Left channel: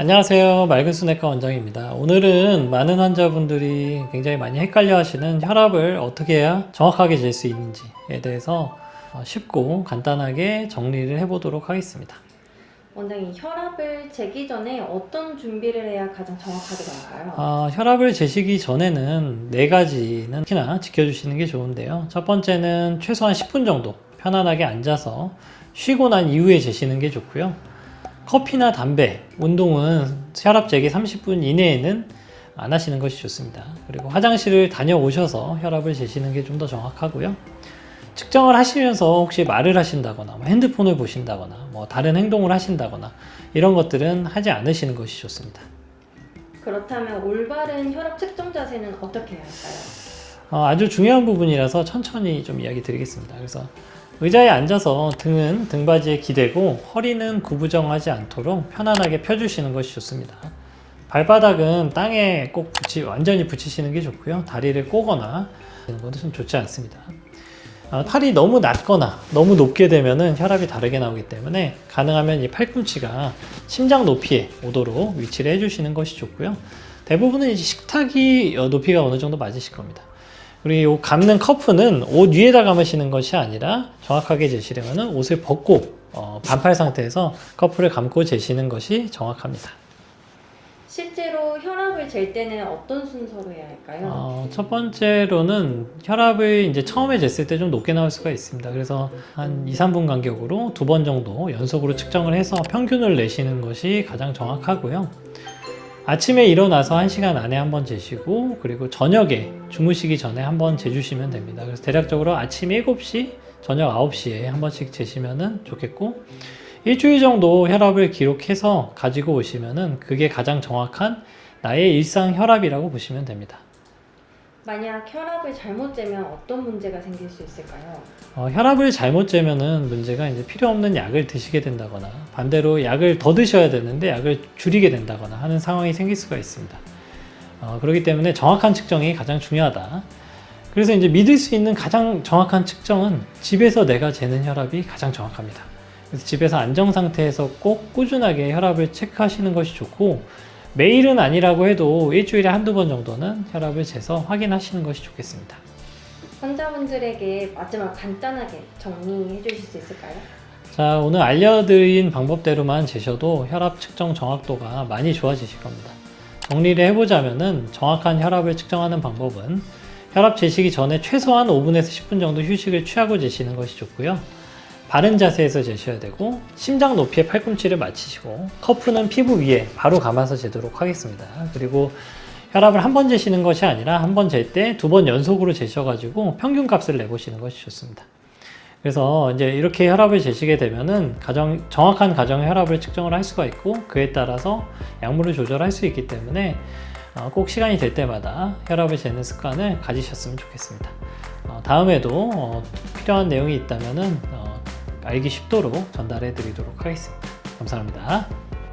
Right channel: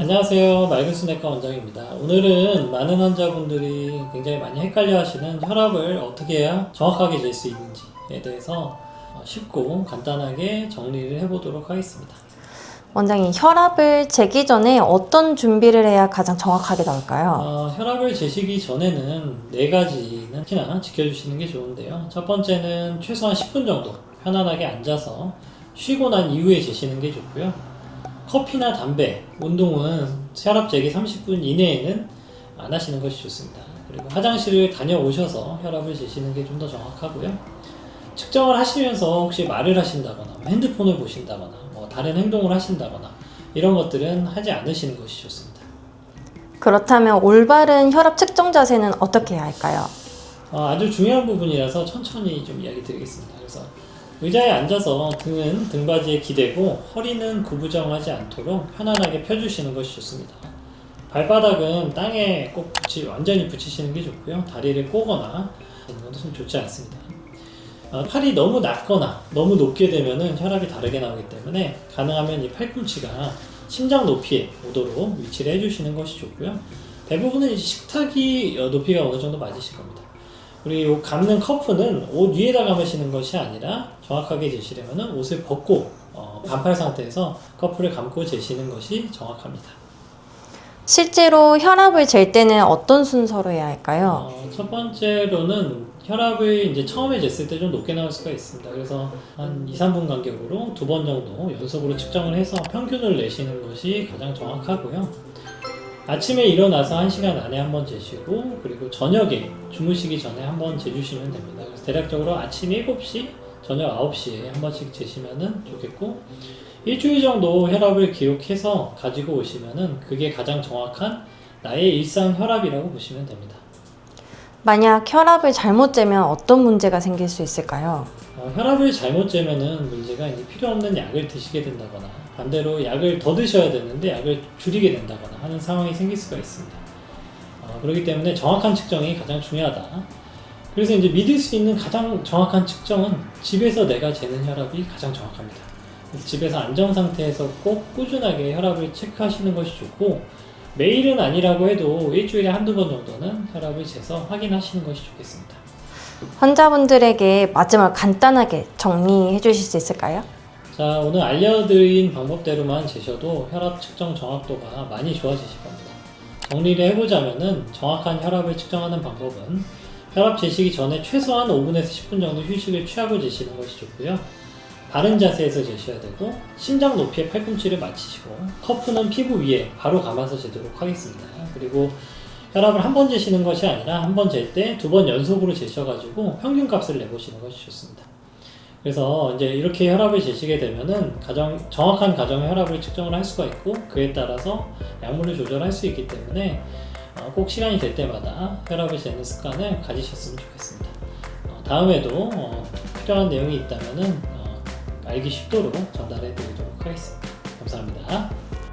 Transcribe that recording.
안녕하세요. 맑은순내과 원장입니다. 오늘은 많은 환자분들이 굉장히 많이 헷갈려 하시는 혈압을 어떻게 해야 정확하게 잴 수 있는지에 대해서 쉽고 간단하게 정리를 해보도록 하겠습니다. 원장님, 혈압을 재기 전에 어떤 준비를 해야 가장 정확하게 나올까요? 혈압을 재시기 전에는 4가지는 특히나 지켜주시는 게 좋은데요. 첫 번째는 최소한 10분 정도 편안하게 앉아서 쉬고 난 이후에 재시는 게 좋고요. 커피나 담배, 운동은 혈압 재기 30분 이내에는 안 하시는 것이 좋습니다. 그리고 화장실을 다녀오셔서 혈압을 재시는 게 좀 더 정확하고요. 측정을 하시면서 혹시 말을 하신다거나 핸드폰을 보신다거나 다른 행동을 하신다거나 이런 것들은 하지 않으시는 것이 좋습니다. 그렇다면 올바른 혈압 측정 자세는 어떻게 해야 할까요? 아주 중요한 부분이라서 천천히 좀 이야기 드리겠습니다. 그래서 의자에 앉아서 등은 등받이에 기대고 허리는 구부정하지 않도록 편안하게 펴주시는 것이 좋습니다. 발바닥은 땅에 꼭 완전히 붙이시는 게 좋고요. 다리를 꼬거나 이런 것도 좀 좋지 않습니다. 팔이 너무 낮거나 너무 높게 되면 혈압이 다르게 나오기 때문에 가능하면 이 팔꿈치가 심장 높이에 오도록 위치를 해주시는 것이 좋고요. 대부분은 이제 식탁이 높이가 어느 정도 맞으실 겁니다. 그리고 이 감는 커프는 옷 위에다 감으시는 것이 아니라 정확하게 재시려면 옷을 벗고 반팔 상태에서 커프를 감고 재시는 것이 정확합니다. 실제로 혈압을 잴 때는 어떤 순서로 해야 할까요? 첫 번째로는 혈압을 이제 처음에 쟀을 때 좀 높게 나올 수가 있습니다. 그래서 한 2-3분 간격으로 2번 정도 연속으로 측정을 해서 평균을 내시는 것이 가장 정확하고요. 아침에 일어나서 1시간 안에 한번 재시고, 그리고 저녁에 주무시기 전에 한번 재주시면 됩니다. 그래서 대략적으로 아침 7시, 저녁 9시에 한 번씩 재시면 좋겠고, 일주일 정도 혈압을 기록해서 가지고 오시면 그게 가장 정확한 나의 일상 혈압이라고 보시면 됩니다. 만약 혈압을 잘못 재면 어떤 문제가 생길 수 있을까요? 혈압을 잘못 재면은 문제가 이제 필요 없는 약을 드시게 된다거나 반대로 약을 더 드셔야 되는데 약을 줄이게 된다거나 하는 상황이 생길 수가 있습니다. 그렇기 때문에 정확한 측정이 가장 중요하다. 그래서 이제 믿을 수 있는 가장 정확한 측정은 집에서 내가 재는 혈압이 가장 정확합니다. 그래서 집에서 안정 상태에서 꼭 꾸준하게 혈압을 체크하시는 것이 좋고, 매일은 아니라고 해도 일주일에 한두 번 정도는 혈압을 재서 확인하시는 것이 좋겠습니다. 환자분들에게 마지막 간단하게 정리해 주실 수 있을까요? 자, 오늘 알려드린 방법대로만 재셔도 혈압 측정 정확도가 많이 좋아지실 겁니다. 정리를 해보자면은 정확한 혈압을 측정하는 방법은 혈압 재시기 전에 최소한 5분에서 10분 정도 휴식을 취하고 재시는 것이 좋고요. 바른 자세에서 재셔야 되고, 심장 높이에 팔꿈치를 맞추시고, 커프는 피부 위에 바로 감아서 재도록 하겠습니다. 그리고 혈압을 한 번 재시는 것이 아니라 한 번 잴 때 2번 연속으로 재셔가지고 평균 값을 내보시는 것이 좋습니다. 그래서 이제 이렇게 혈압을 재시게 되면은 정확한 가정 혈압을 측정을 할 수가 있고, 그에 따라서 약물을 조절할 수 있기 때문에 꼭 시간이 될 때마다 혈압을 재는 습관을 가지셨으면 좋겠습니다. 다음에도 필요한 내용이 있다면은 알기 쉽도록 전달해 드리도록 하겠습니다. 감사합니다.